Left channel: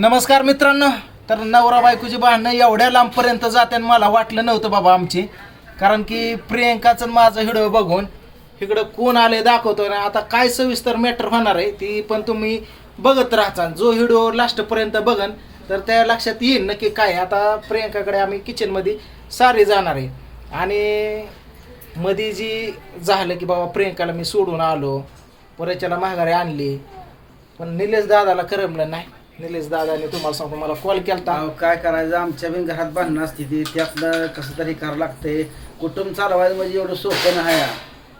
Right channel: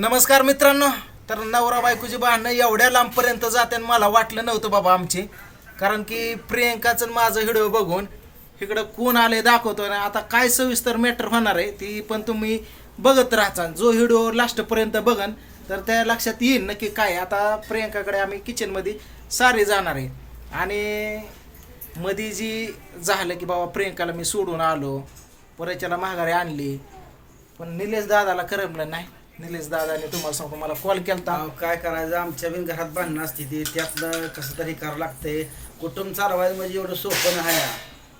नमस्कार मित्रांनो. तर नवरा बायकोची भांडणं एवढ्या लांबपर्यंत जाते मला वाटलं नव्हतं बाबा आमची. कारण की प्रियंकाचं माझं हिडो बघून इकडं कोण आले दाखवतो ना आता काय सविस्तर मॅटर होणार आहे ती पण तुम्ही बघत राहता. जो हिडो लास्टपर्यंत बघन तर त्या लक्षात येईल नक्की काय आता प्रियंकाकडे आम्ही किचनमध्ये सारी जाणार आहे. आणि मध्ये जी झालं की बाबा प्रियंकाला मी सोडून आलो परच्याला माघारी आणली. पण निलेश दादाला करमलं नाही. निलेश दादाने तुम्हाला सांगतो मला कॉल केलता. अहो, काय करायचं? आमच्या बी घरात भांडणं असते ती. त्यातलं कसं तरी करावं लागते कुटुंब चालवायचं म्हणजे एवढं सोपं नाही.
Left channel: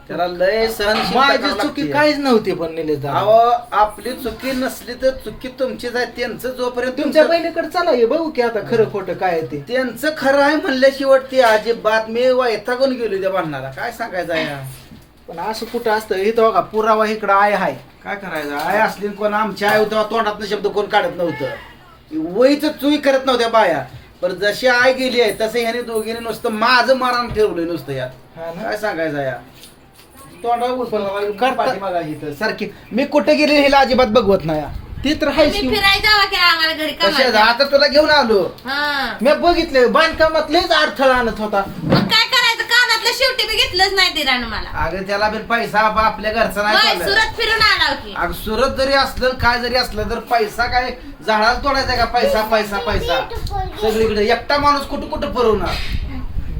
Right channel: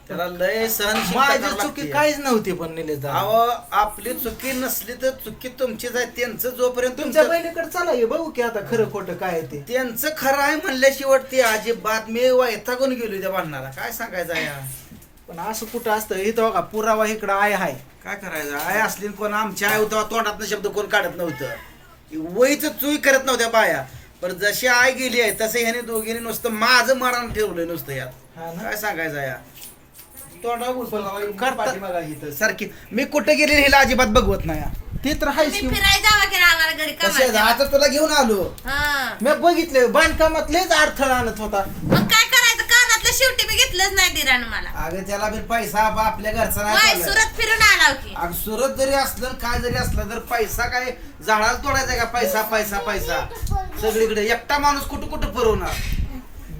त्याला लय सहन माझी चुकी काहीच नव्हती पण निलेश दादा. अहो आपली चुकी नसली तर चुकी तुमचीच आहे. त्यांचं जोपर्यंत तुमच्या तुमचं- बहिणीकडे चला हे बघू की आता खरं खोटं काय आहे ते. त्यांचं खरं आहे म्हणल्याशिवाय ते अजिबात मी वैतागून गेलो त्या भांडणाला. काय सांगायचं आहे? पण असं कुठं असतं इथं बघा पुरावा इकडं आहे हाय. काय करायचं? आई असली कोण आमच्या आई होतं तोंडातनं शब्द कोण काढत नव्हतं. वहीच चुई करत नव्हत्या बाया. पण जशी आई गेली आहे तसं ह्याने दोघीने नुसतं माझं मारण ठेवलंय नुसतं यात. हा ना? काय सांगायचं या? सारखी. मी कुठे गेले हिला अजिबात बघवत नाही ते तर आहेच मी की. फिरायला जावा की आम्हाला घरी कशा कामाला. आता तुला घेऊन आलो. हा. मी बघितले बांधकामात लयच अडथळा आणत होता. मग काय शेवटी मी घेतलंच नाही दिरानं मला. अगं त्याला बी पैसा आपल्या घरचा नाही होय, चालत. सुरत फिरून आला की. अगं सुरत जरी असलं काय जरी असलं तर पैसा काय झाडाला तोडायचा का? पैसा पैसा पैसा. सगळीकडे एकटा माणूस कुठं कुठं पुरवणार?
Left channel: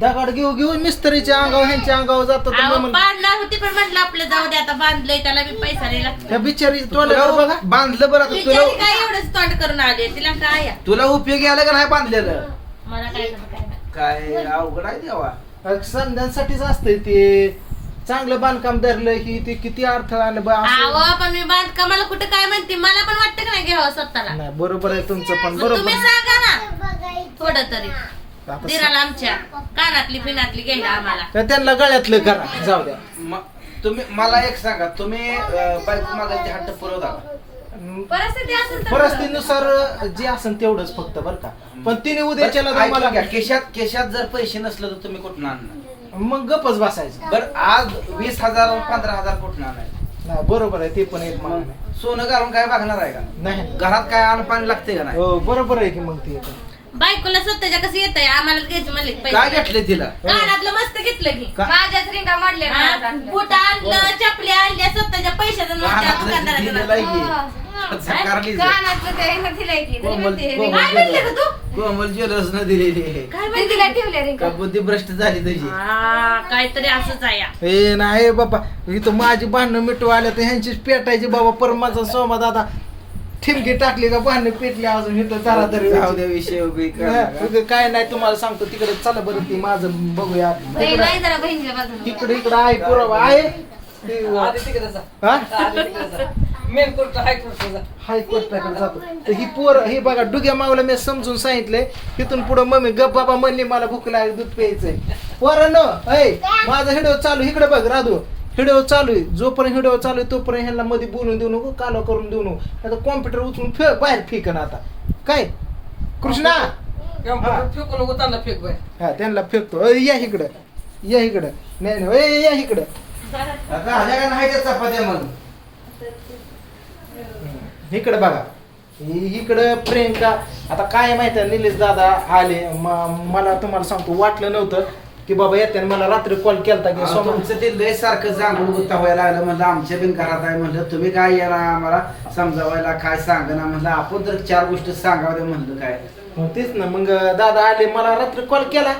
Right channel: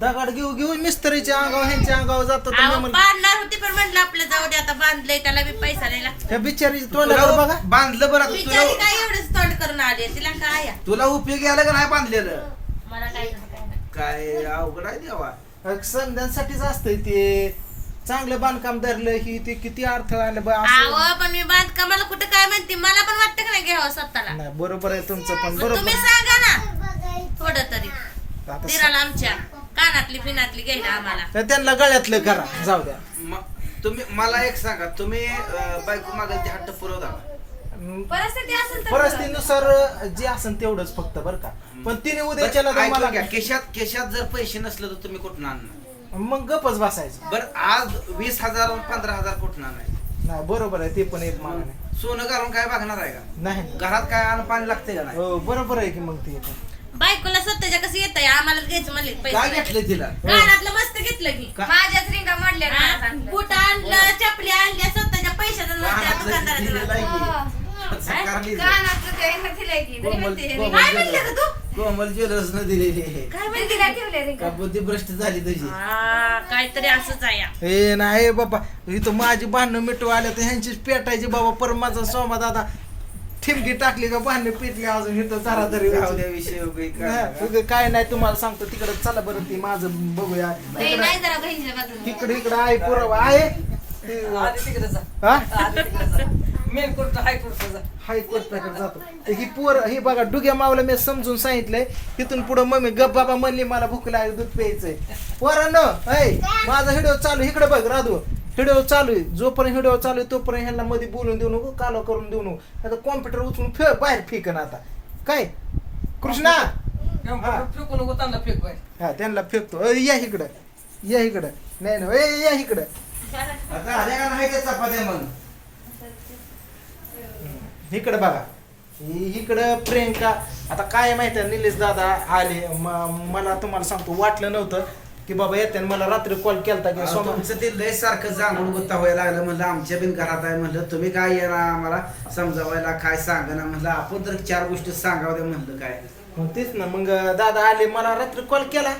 दगड घेऊ घेऊ मिस्त्रीच्या अंगावर ह्यांच्या अंगावर जातो तर मी अहो, म्हणलं, बांधणार होती पण म्हटलं आपलं जाऊ दे आता बांधलंय त्याला बी पैसा नाही लागतो. ह्या बिचारी तोंडाकडे बघा. बांधलं बरं आता बिचारी तुला काय एवढंच तोंड करून आली तिला काय? तुला उपयोगी आलं का नाही बांधलेलं. मला काय करत काय. काय अवघड आहे देवा. संध्यांसाठीच असतंय ते. चांगलं बांधकाम धरलं ही ते किती अडथळा आलं बा असं. पण मी बांधकामाला कुठं काय म्हणते? मला पण वाटतं का नाही घ्यावं स्वतःला? नाही बरोबर आहे तुमचं पण मग बरोबर. तुम्ही सांगा ना. थोडं तरी. आता दिराला आमच्या कानातली पिनातली घ्यायला आम्हाला. तर त्यांना गळ्यातलं करा जाऊ द्या. म- तुम्ही मला एक सांगा तुम्ही अं, बायको मागायचे हट्ट पुरवता का? परिस्थिती असेल तर परिस्थितीनुसार जे असेल तेवढंच फक्त बरं का. पण तिने उद्याच्याला बरं, घ्या. केशात केशात जर पैसे नसले तर तुम्ही कुठून आणणार? मग गपच बसायचं. बर आज वीस हजार पंधरा हजार कुठून आणायचे? नाही बरोबर आहे ते पण एक मागणं आहे. मग सोनं घालून काय बघणार आहे का? नाही घरात काय अन्न पाणी लागते का नाही? हो बरोबर आहे की मग ते पण. बायकोला स्वतःच्या कसं येत आहे आम्हाला घ्यायचं म्हणले काय पैसे घेतले तिला? कानातलं मस्त घेतलं की. माझ्याच रिंगा मोडल्या बुट आणलं? चपली आणल्या स्वतःच्या पैशाचं दिलेलं आहे की. साकारली ती. कानातलं काही न दिलंय की नाही कोमल- म्हणते रे. कोमल काय म्हणले ग तू? कोमल ज्वेलर्स न दिलेली आहे. काय ते म्हणते तिला ठेवले रे? का बुद्धी भ्रष्ट झाली तुझी? हा काहीतरी असंच आहे या. ए नाही बाबा. इथं माझी भांडणं मिटू आल्या तर ह्यांचीच पेटायची बाबा. पर माझा सोमा दादा ठिमकी टाकली का भांडणं पेटली अजून. इथं जरा तरी जाऊ द्या विषय उगा काय नाही तुम्हाला सांगतो तिकडे चला बरं ती माझं बघूया नाही तिकडं नाही जरा बहिणीच्या बाजूला तिकडे इकडे आहे पुरावा आहे. ते- हा? हायकोर्टाकडे जातो. तर ही पोर हे बघा डुग्या मावला मी समजून सांगितलंय तिथून पुढे मम्मी गप बाबा म्हणली मला भूक लागली दूध प्यायचंय. पोरांनो ऐ माझा व्हिडिओ चालू इकडे बघ राधू. व्हिडिओ चालू आहे. जोपर्यंत व्हिडिओ चालू आहे तोपर्यंत ह्यांना मध्ये बोलून देऊ नको कालो करून देऊ नको. आता कॉम्प्युटर उचलून फे बाहेर फेकन आता. काय? कृष्णा? फेकून नको त्यांना फेक बाय हा त्यांना फेकतो. अय, या इकडं. या इकडं. नाही नाही अय, या इकडं. आता आल्या का नाही त्या चपात्या मग? इकडं बघा. इकडं प्रियंका आता काय माहिती आहे निलेश दादा आले. मला तुम्हाला सांगतो वाटलं नव्हतं की बाबा येते मला रात्री कॉल केलता की तुमचं ते लय सारखं जांभूळ गुत्ता व्हायला लागलं. म्हणलं आमच्या बिन घरात आहे. म्हणलं तुम्ही काय येणार आम्हाला समजावायला? काय सांगणार? म्हणलं आपण तर चार गोष्टी सांगाव्या म्हणलं काय. मग तेच ना मग दादा आले मला रात्री कॉल केला.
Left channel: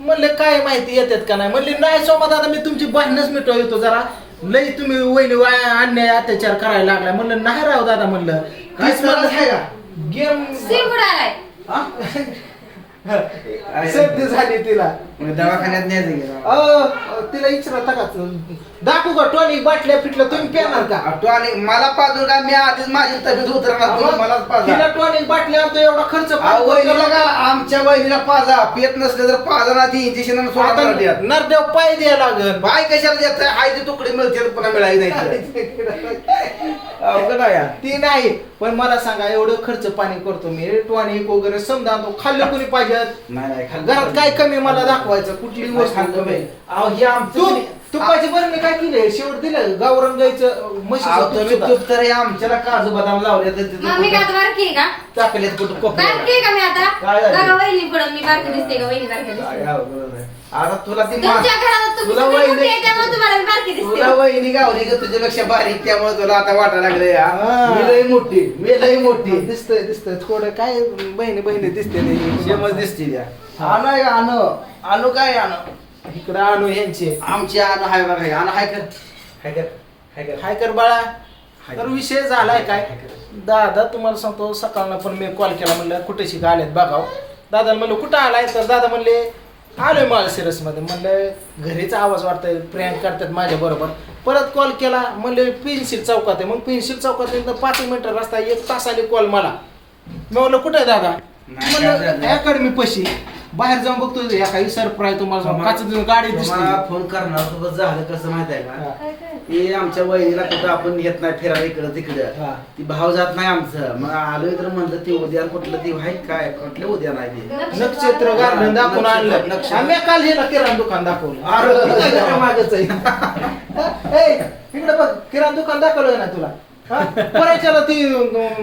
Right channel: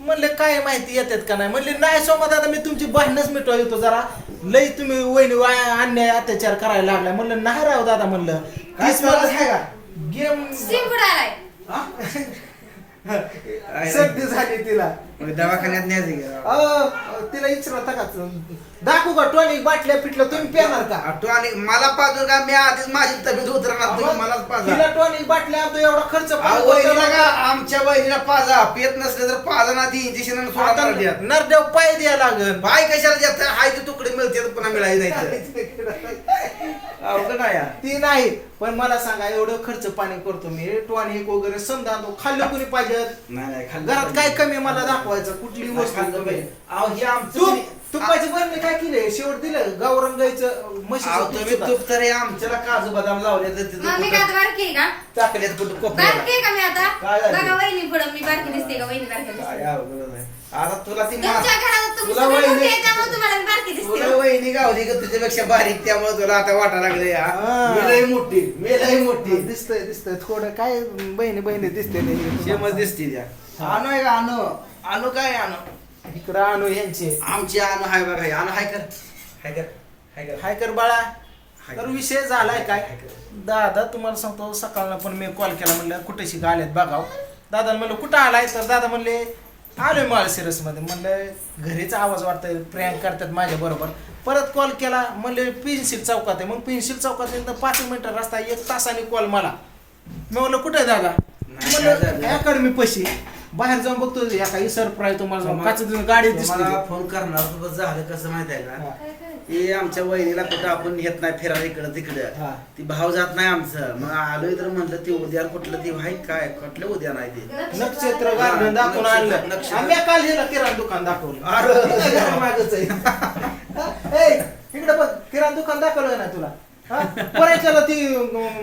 म्हणले काय माहिती येतात का नाही? म्हणले नाही सोमा दादा मी तुमची बहीणच मिटवा येतो जरा. लई तुम्ही वहिनी वाया- अन्याय अत्याचार करायला लागला म्हणलं नाही राव दादा म्हणलं. काय तीच म्हणलं आहे का गेम सिम उडालाय हा? सर्दी झाली तिला. मग दवाखान्यात न्यायचं गेलं अ, तिला इचरा का दाखवू का टॉनिक बाटल्या फिटल्या तुम्ही पेणार का? तू आणि मला पाजू का? मी आधीच माझी तब्येत उतरणार तुम्ही मलाच पाजा. तिला टॉनिक बाटल्या आणतो एवढा खर्च अहो, पाणी वहिनीला करतो. का? आमच्या वहिनीला पाजा. पेत नसले तर पाजा ना ती इंजेक्शन आता नरदेव पाय द्यायला लागल. बाय कशाला देत हाय ते तुकडे मिळते पुन्हा मिळायला नाही अवघड आहे. यार. ती नाही पण मला सांगा एवढं खर्च पाणी करतो मी. टॉनिक वगैरे समजा आणतो खाल्लं कोणी पाहिजे? नाही नाही घरात काय कमी मला दाखवायचं? कुठली वस्तू कमी. अहो हे आमचं तू तुपाची बरणी काय केले? शेवट दिलं. गावरान गाईचं अहो, म्हशीचं तूप तुम्ही सुद्धा. तूप तर हे आमच्याला काजू बदाम लावले तर मग मी काय कुठं आता बारकी आहे का? टाकलेत कुठं. बारकी आहे का मी आता? काय झालं? बघा वहिनी पुढं मी बारकी दिसते का? वहिनी बारकी दिसते. काय अवघड आहे. आता तुला ती मा- तुमच्या घरात तुम्ही तुला सगळे मोठे वहिनी- आहे त्यामुळे तुम्हाला मी बारकी तुला दिसते वहिनी गावली का? तुझ्यापेक्षा बारीक त्यामुळे तुला आता वाटायला लागलं या हा. मी लई मोठी मी लई मोठी. दिसतंय दिसतंय. थोडं काय बहिणी बहिणी दिसते शेमच दिसते त्या. आणू आहे का? आणू. आणू काय आणू? इकडं आणू यांचे. आमची आण हाय बघा हे. आण हाय कर. हाय कर हाय कर. हाय कर बाळा. हाय तर कर. विषय झालाय काय? हाय कर. दादा तुम्हाला सांगतो सकाळनं पण मी कॉल केला म्हणलं कुठे शिका आलेत बघाव दादा म्हणलं कुठं आलाय? तर दादा म्हणले आलोय माळशिरसमध्ये म्हणलं घरीच आवाज वाटतोय प्रँक करतात माझ्या बरोबर. परत कॉल केला म्हणले पेन्सिल चौकात आहे. मग पेन्सिल चौकात आहे तर पाच मिनिटं रस्ता एक तासाने कॉल मला. मी म्हणलं कुठे आहे दादा? नाही, म्हणलं? अकॅडमी पशी. बाहेर जाऊन बघतो या काही सरप्राईज तुम्हाला काच गाडी दिसली. तुम्हाला फोन करणार बस झालं कसं माहीत आहे हा. का हे आमच्या वहिनीला कुठं आपण येत नाही फिरायला इकडं तिकडं. हा. ती भाव जात नाही आमचं. मग आलोय तर म्हणलं ते उद्या कुठलं ती आहे काय कुठलं उद्या नाही ते. नक्षत्र गार्डन दाखवून आणलं. नक्षत्र. आम्ही काल हिला किराणा दुकान दाखवलं. अरे. घरामागंच आहे. ए, इकडे बघ किराणा दुकान दाखवलं ना तुला? परायच्याला ती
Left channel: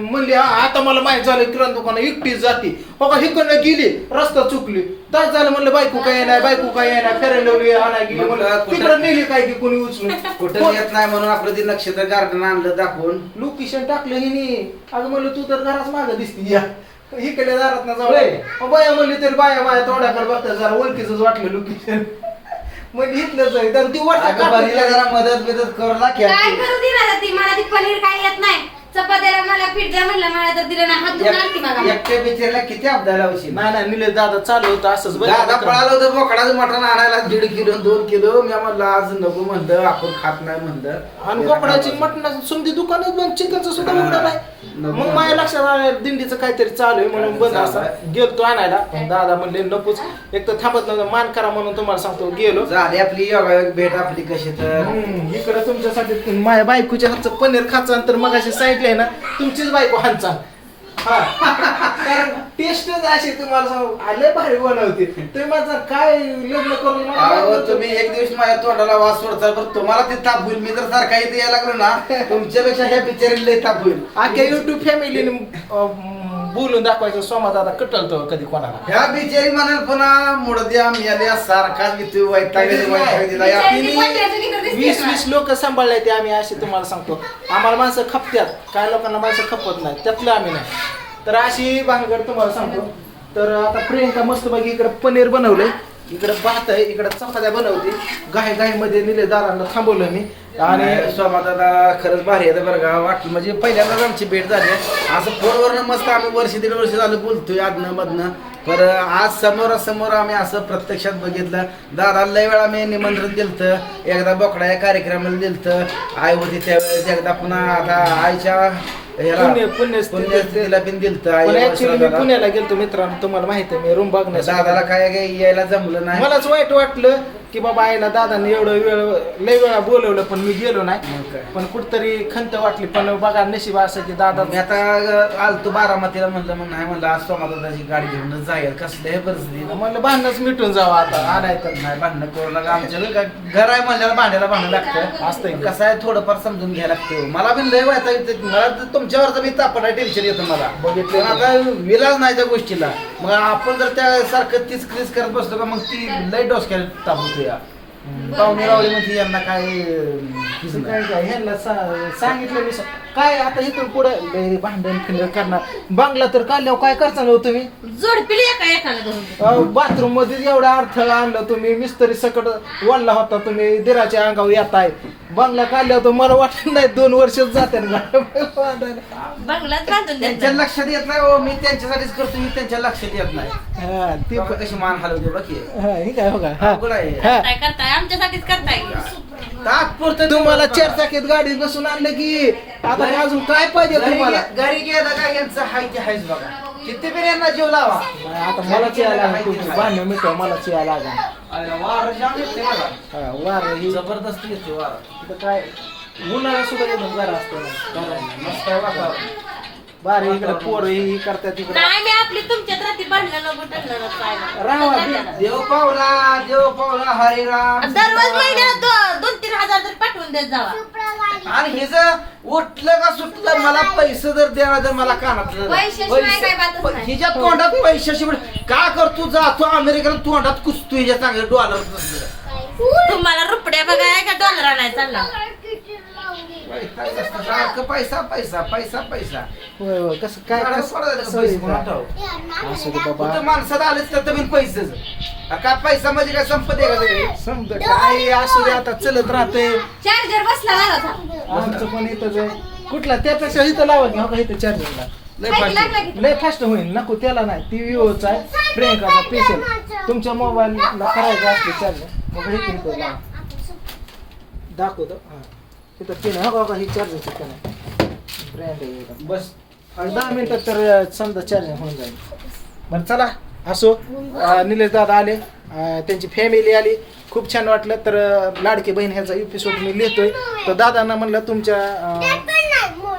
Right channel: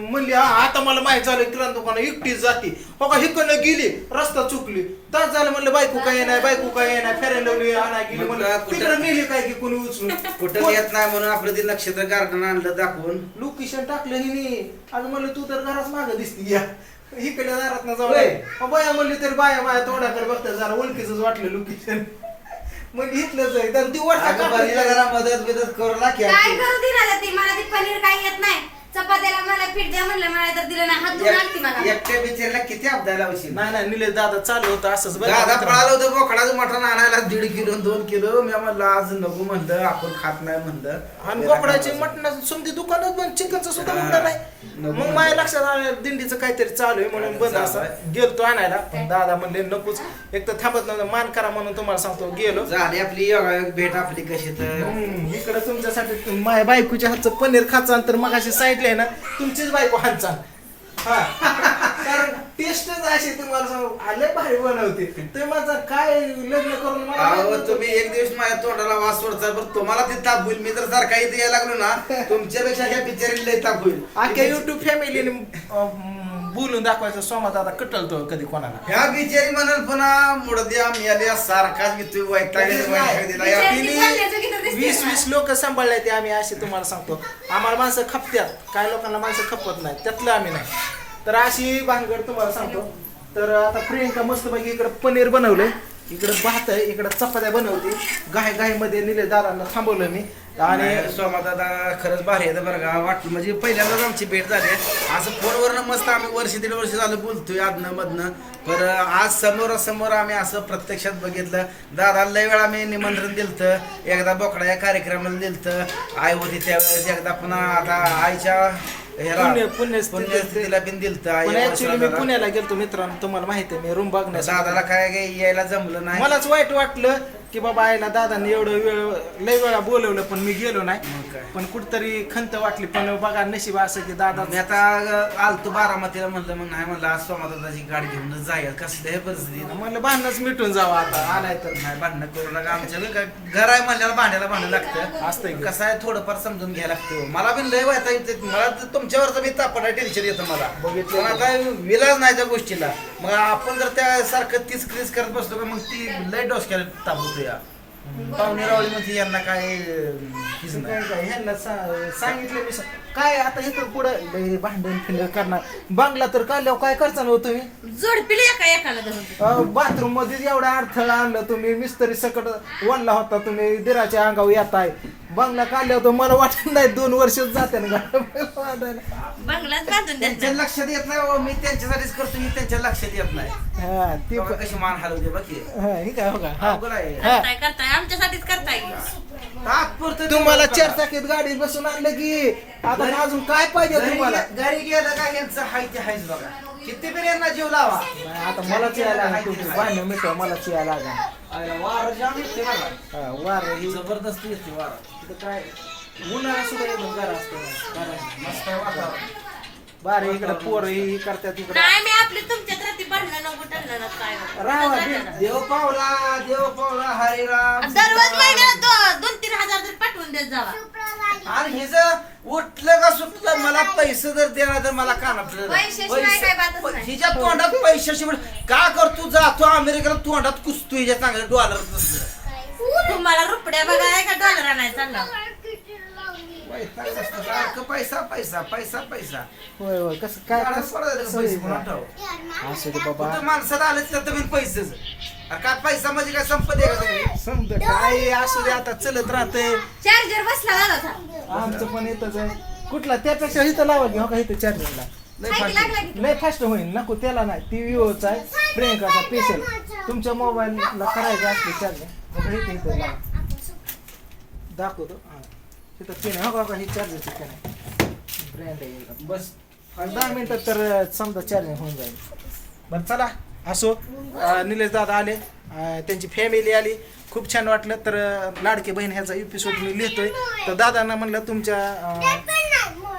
म्हणली "हा, आता मला माहीत झालं किराणा दुकान एकटीच जाते. हो का हिकडनं गेली रस्ता चुकली. तास झालं म्हणलं बायको काय नाही बायको काय नाही फेरायला लावली आणा गेली. म्हणलं तिकडं नेली काय की कोणी उचलून? कुठं येत नाही म्हणून आपलं ते नक्षत्र गार्डन आणलं दाखवून. लोकेशन टाकलं हिने. अगं म्हणलं तू तर घराच माग दिसती या. इकडे दारात ना. जाऊ बाया म्हणली तरी बाया बाया तोंडाकडे बघतात जरा ओळखीच वाटलं लोकेशन इथलंच आहे तर ती अगं बहिणीला वाटत जरा मदत बिदत करू लाग काय करू दिला ती मला ती पनीर काही येत नाही. चपात्याला मला पीठ द्या म्हणलं मला तर दिलं नाही. हात धुवून आणते मला. एकट्या बिचारीला किती अब्दा लावशील नाही नाही निलेश दादा चालू होतं असंच बरं का दादा. पळालं होतं बोकडाचं मटण आणायला दीड किलो दोन किलो. मी म्हणलं आज नको म्हणलं आपण खात नाही म्हणलं. आणि बोकडाची मटणाची समधी दुकानच बंद चिकनचं सुद्धा उघडं नाही. मग माझ्या लक्षात आलं दिंडीचं काहीतरी चालू आहे म्हणून बंद असं गेलतो आणायला. पण दादा म्हणले नकोच. एक तर थांबत नव्हतं मान करा म्हणून तुम्हाला सांगतो गेलो. झाली आपली योगायोग भेट आपली कशी तर. हम्म, इकडं तुमच्यासाठी तुम- माझ्या बायकोच्या हातचं पनीर खाचा तर मग अशी आहे ना तुमचीच बायको हातचा हा. कारण टेस्टच अशी तुम्हाला सांगू आले भारी बनवते. तुम्ही माझा काय लग्न करून मला अहो बायको- तुम्ही एक दिवस माझ्या तोंडाला वास सोडता पण तुम्हाला ते ताप होईल मी तर सारखा इथे यायला लागलो ना तुमच्यापेक्षा ह्या बिचारीला लय ताप होईल अख्ख्या युट्यूब फॅमिलीने बोलून दाखवायचं सोमा दादा कटलतो कधी कोणाला. ह्या बिचारी म्हणाल पुन्हा मुड द्या मिळाल्या सारखाच घेतोय वैताग कधीच वैताग. दिला. बिचारी- या- ती बोलण्याचं की तर दिसते वीस? वीस लोक सांभाळले ते आम्ही असे तुम्हाला सांगतो. आम्हाला माणसं खपत्यात. काय लोकांना माणसं खपत नाही. त्यातलं आम्ही नाही. तर अशी भानगड तुम्हाला सांगतो. तर आता प्रियंका मस्तपैकी इकडे पनीर बनवलंय. इकडे भात आहे इकडे चपात्या बनवते. गाय गायमध्ये निले दारांना थांबवलं मी. आणि दादा खरंच भारी आहे बरं का. वाटलं म्हणजे पहिल्यांदाच आमची भेट झाली आहे. असं फोनवरनं मस्त आम्ही वर्ष दीड वर्ष झालं बोलतोय आदनं मधनं. पर आज समोरासमोर आम्ही असं प्रत्यक्षात बघितलं. दादा लय वेळा मी निमंत्रण दिलतं. एकदा बोकडा या कार्यक्रमाला दिलतं. आई होती त्यावेळेस एकदा पुन्हा आता आईच्या पुण्य- पुण्यस्थिती- पुण्यस्थितीला पण दिलतं पण ऍक्च्युली मी दादाला. पुण्याला गेलतो मित्रांनो तुम्हाला माहिती आहे मी रूम दादाला बघण्यासाठी काय काय यायला जमलं नाही मलाच वाईट वाटलं की बाबा आईला दादाने एवढं वेळ लय वेळा बोलवलं पण मी गेलो नाही. मग काय? पण कुठतरी खंत वाटली. पण बघा नशीब असं की दादा मी आता आलतो बारामतीला म्हणलं मग नाही म्हणलं आज सोमादाची गाडी घेऊनच जाईल कसलं हे परिस्थिती? म्हणलं भांडणच मिटून जावं आता आणाय तर. नाही भांडणं करू नका. आमच्या घरी आहे म्हणल्याला भांड्याला भांडण लागतं. असतंय की. कसं आहे थोडंफार समजून घ्यायला लागतं. मला पण लय वायता येते मला तर तुमच्यावरचं मी तापण टेन्शन येतं मला. बघितलं. पण आता विलाज नाही त्या गोष्टीला. मग आपण जर त्या सारखं तीच क्रीज करत बसलो का मग ती लय डोसक्याला ताप होतो या पाहुणे रावळी म्हणजे यांना काय हीच. काय काय ह्यांना सा- सांगितलं मी सा- काय आता इथून पुढे लय भांडण खिंड करणार. बांगला तर काढल्यावर काय करता ना हो तुम्ही? जोडपिली एका एकाला धरून. बाथरूममध्ये एवढा अडथळा आणला तुम्ही. मिस्त्री सकट वळला होता तुम्ही. दिराच्या अंगावर येताय. बांगला काढल्यावर तर मला वाटत नाही दोन वर्षच जाते ना बंगलाच बांधून त्यांच्या द्यायचा लक्षात येत नाही मी त्यांच्यासाठीच करतो मी त्यांच्या लक्षात येत नाही. हा ती बघा कशी मान हलवते बाकी हा हे काय बघा हा. हा करताय करताय आमच्यासाठीच करताय. तात्पुरतं तुम्हाला चार चाकीत गाडीत बसून आणलं की आता अजून काय पाहिजे तुम्हाला? घरी गेलं का यांचं हाय ते हायच बघा. किती पण यांना जीव लावा. आता मला यायला लागेल. भांडण मिटवा मला यायला लागेल आयला वारं जाम येते बघा हा, वार ही जबरदस्त येते वारं. इथं काय उन्हाळा सुद्धा एकदम गारा असतो. ना. गारा नाही. मस्त आहे वातावरण. बारे इकडे पोर ही करतात इकडे. नाही मी आपली तुमच्यात राहते भांडणं नको टणलं नको काय. राहा, ना. देव पावला देव पावला हरे राम. दररोज महिन्यात दो- पाठवून देत जावा. आणि हे जर उठलं का सुटलं मला पैसे जर देणार तर मला कानातलं पैशाशिवाय काय बातच पैसे- नाही. हिच्या तोंडात पैशाशिवाय का करतो जातो अमेरिकेला तोंडात कुसतो हिच्या चांगल्या डॉलर तुम्हाला रुपडे बघाय का डॉलर सारखं पैसा पैसा पैसा पैसा. होय होय कसं काय काय कसं- पैसे कोणा ठाऊ असू दे बाबा. कुठं माणसात आले तर तुम्ही पैसेच. अरे काय पैसा म्हणजे काय संपत्ती आहे का सगळी समजा काय असू दे आता चलत राहते. चार्जर बसला झाला होता आमचं पण इथंच आहे. कुठला? त्यापेक्षा इथं लावा की हो इथं चार्जिंगला लय फास्ट लागला की. लय फास्ट होईल. नको त्याला नाही. ती विवोचा आहे. प्रियंकाचा स्पेशल तुमच्या मोबाईलला करायचं असले चार्जिंग मग हे इथं लावा. दाखवतो. हां. तिथं पिन हो का ही चार्जिंगची पिन आहे ब्रँड आहे एकदम. बस. आणि दहा मिनिटात तर समजा चार्जिंग होऊन जाईल. बरं चला. असो. निलेश दादा आले. त्यांची फॅमिली आली. खूप छान वाटलं. तर लाडकी बहीण ह्याचा एपिसोड मी लिहितोय. तर दादांना म्हणलं तुमच्या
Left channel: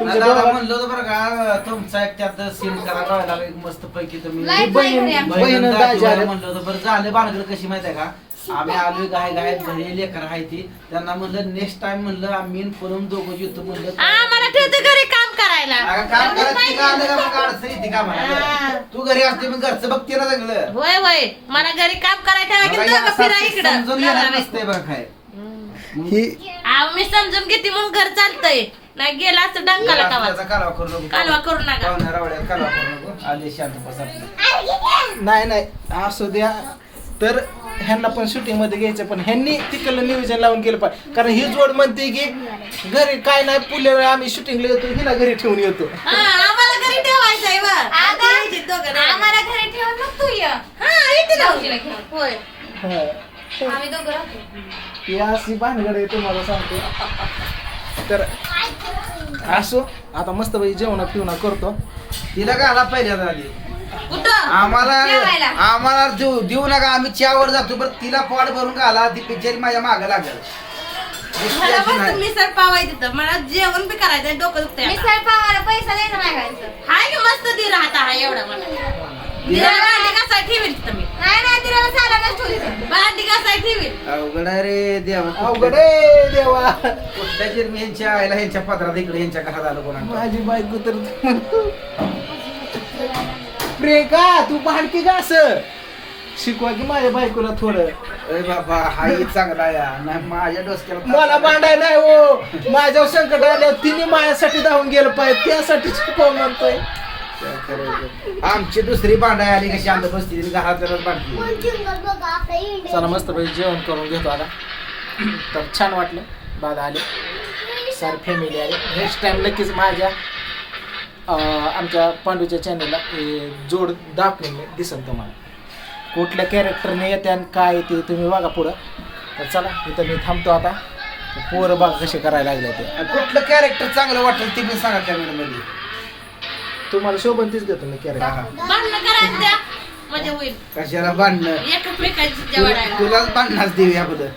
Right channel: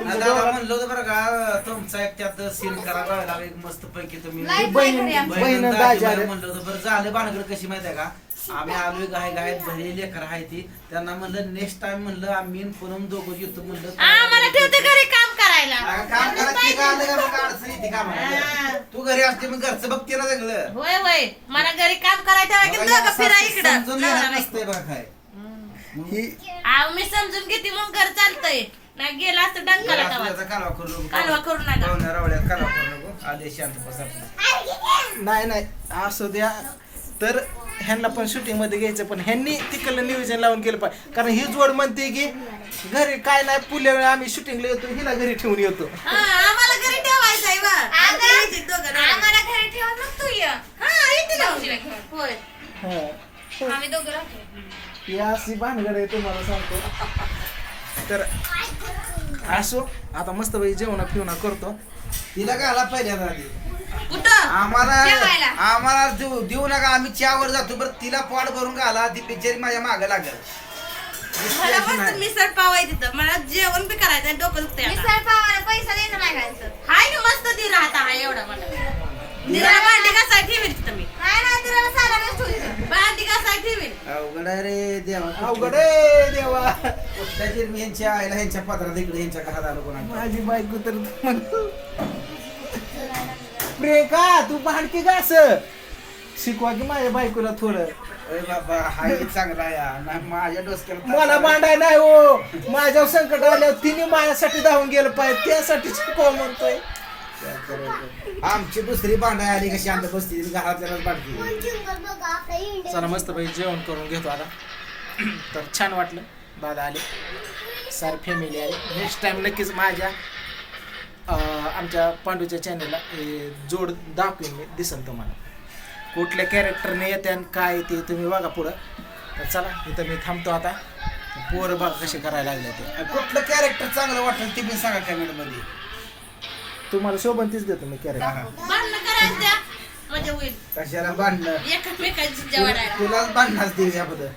तुमच्या दादा दोघांना- म्हणलं होतं बरं का तुमचा एक त्यात सीन करायला एक मस्त पैकी तुम्ही बहीण-. बहीण बहिण दाजी दाजी आले. म्हणलं होतं बरं झालं बाणगड कशी माहिती आहे का? आम्ही आलोय गाय गायत घरी लेकर आहे ती. त्यांना म्हणलं नेक्स्ट टाइम म्हणलं आम्ही न पूनम दोघं येतो म्हणलं आम्हाला ठेवते घरी काम करायला. अगं, काम करायचं ती का? आलं का मग अडचण येते का हा. म्हणायला? तू घरी असते मग घरचं बघते ना सगळं. होय होय. मला घरी काम मला हे दोघं असं समजून घेणार. नसते काय. ही अहो, मी समजून घेते मग घर चालतंय. नाही गेला असतं डंकाला कालवा करू नको. कालवा करू नका. पाहुण्या रावड्यात कालवा करू नको. आले शांत बस आपलं. नाही नाही. असू द्या. तर ह्यांना पण शूटिंगमध्ये घ्यायचं पण ह्यांनी तिकडलं नियोजन लावून केलं पाहिजे. कारण ही जोड म्हणते की घरी काय नाही पुढल्या वेळा आम्ही शूटिंगला येतो हिला घरी ठेवून येतो. हा आम्हाला घरी ठेवायचं आहे आम्हाला घरी ठेवून मग तू ये. हा. होय. आम्ही दोघं राहतो अशी भानगड आहे तुम्हाला सांगतो. तर असो आता मस्त बाई जेवणा पिवणा करतो. तिला घाला पहिल्यांदा आधी कुठं आम्हाला. आम्हाला देऊ देऊ नका आम्ही चहावर जातो. बरं तिला पॉट भरून घाला ती पिक्चर माझ्या मागे लागेल. मला मिसळ पाव आहे तिथं मला जेवण बी करायचं आहे, डोकं दुखतंय आता. मिसळ पावाला पैसा द्यायचा नाही घालायचं हाय ना मस्त दी राहता हा एवढा मला. दिराला भांडी घासाय ठेवील तिथं मी नाही ठेवली. भांडी ठेवील अवघड आहे रे देवा. अवघड आहे देवा. आईला ह्यांच्या पत्रात इकडे ह्यांच्या घरात आलं कोणा माझी बायको तर प्रियंका तू भांडकी का असं? शिकवा की माझ्या बायकोला थोडं. अरे बाबा हा ही चांगला आहे. हा. नाही माझ्या डोसक्याला मला भांडाय नाही हो. माझ्यावर संकट आलं. तिने माझ्यासाठी धावून गेलं पाहिजे त्यासाठी शिकवा म्हणतोय. काय करायचं? आमची दुसरी भांडाय आली कशी? शांत बसती घरातल्याच बांधली चला मस्त पैकी जेवण करून घेतो आता. तर छान वाटलं. दादा आले. सारे फॅमिली आले. नेक्स्ट टाइम नक्कीच माझ्या आमच्या पांडूच्या चॅनलला जोड दाखवून मी दिसेल तुम्हाला. कुठल्या कॅरेक्टरने येते आणि काय ते तुम्ही बघा पुढं. तर चला इथं मी थांबतो आता. पोरं बघा कसे करायला लागले ते. कुठलं कॅरेक्टर चांगलं वाटलं ते मी सांगा कमेंटमध्ये. तुम्हाला शोभन तीच देतो मी कॅरेक्टर म्हणजे होईल. कशाला जेवण तुलाच भांडणाच देऊ याबद्दल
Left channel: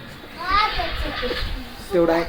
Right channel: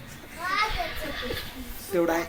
तेवढं आहे.